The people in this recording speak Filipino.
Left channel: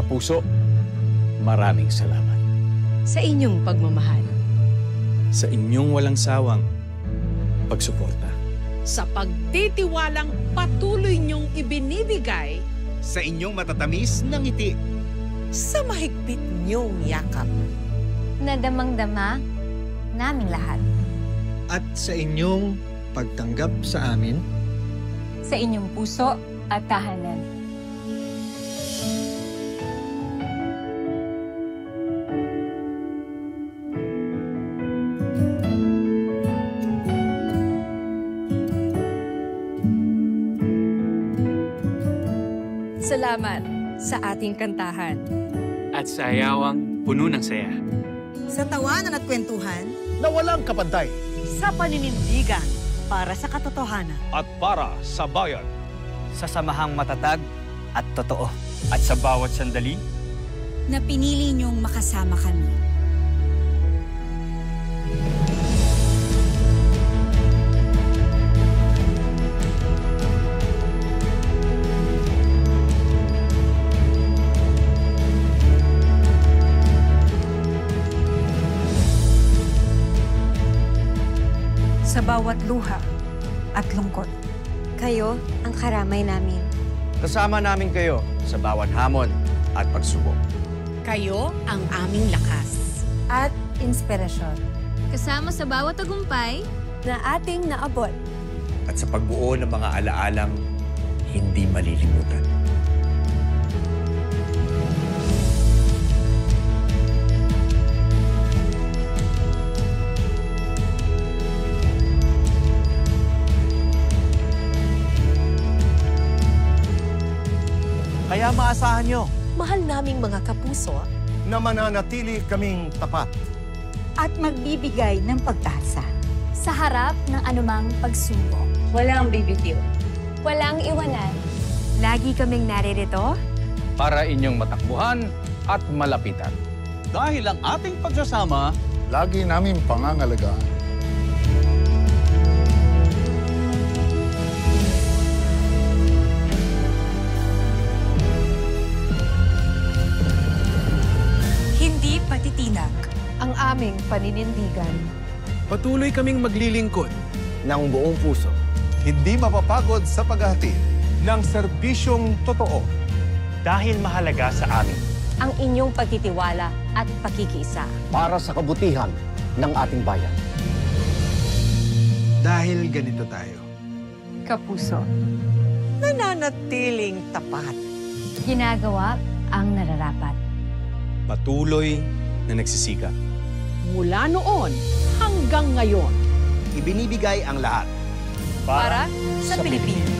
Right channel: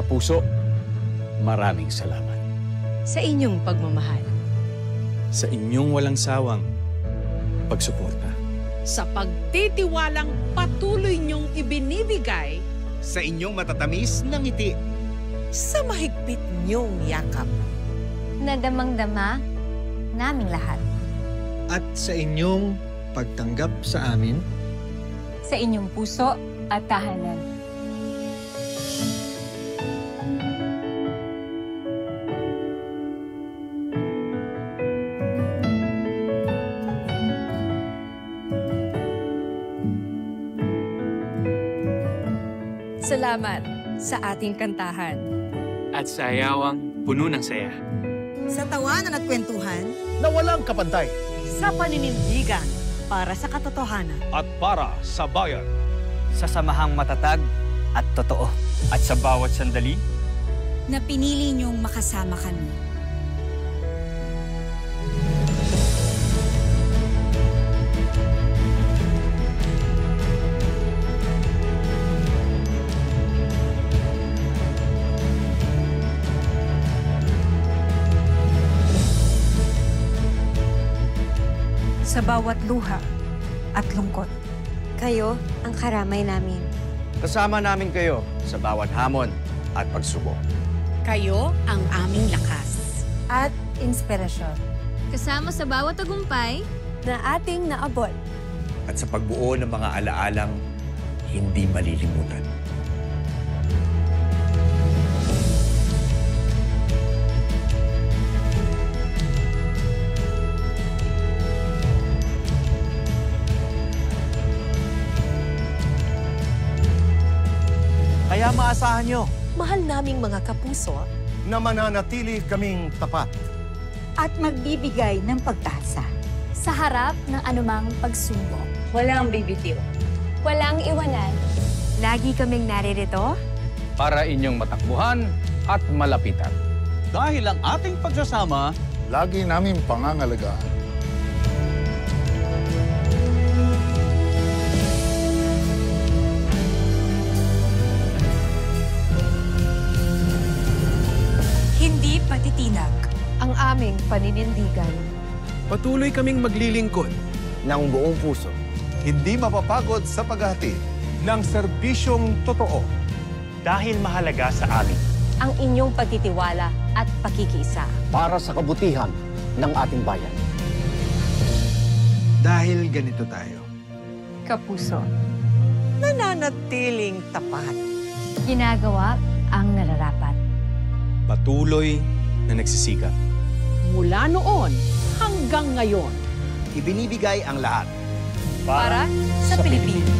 Kapuso, maraming salamat. Sa inyong pagmamahal. Sa inyong walang sawang pagsuporta. Sa pagtitiwalang patuloy niyong ibinibigay. Sa inyong matatamis na ngiti. Sa mahigpit niyong yakap. Na damang-dama naming lahat. At sa inyong pagtanggap sa amin. Sa inyong puso at tahanan. Salamat sa ating kantahan. At sa ayawang puno ng saya. Sa tawanan at kwentuhan. Na walang kapantay. Sa paninindigan para sa katotohanan. At para sa bayan. Sa samahang matatag at totoo. At sa bawat sandali, na pinili niyong makasama kami. Sa bawat luha at lungkot. Kayo ang karamay namin. Kasama namin kayo sa bawat hamon at pagsubok. Kayo ang aming lakas. At inspirasyon. Kasama sa bawat tagumpay Na ating naabot. At sa pagbuo ng mga alaalang hindi malilimutan. Kaya maasahan nyo Mahal naming mga kapuso. na mananatili kaming tapat. At magbibigay ng pagtasa. sa harap ng anumang pagsubok. Walang bibitiw. Walang iwanan. Lagi kaming naririto Para inyong matakbuhan at malapitan. Dahil ang ating pagsasama, lagi namin pangangalagaan. Hindi patitinag. Ang aming paninindigan. patuloy kaming maglilingkod. Ng buong puso. hindi mapapagod sa paghahatid ng serbisyong totoo. Dahil mahalaga sa amin. ang inyong pagtitiwala at pakikiisa. Para sa kabutihan ng ating bayan. Dahil ganito tayo. Kapuso. Nananatiling tapat. Ginagawa ang nararapat. Patuloy na nagsisikap. Mula noon hanggang ngayon. Ibinibigay ang lahat. Para sa Pilipinas.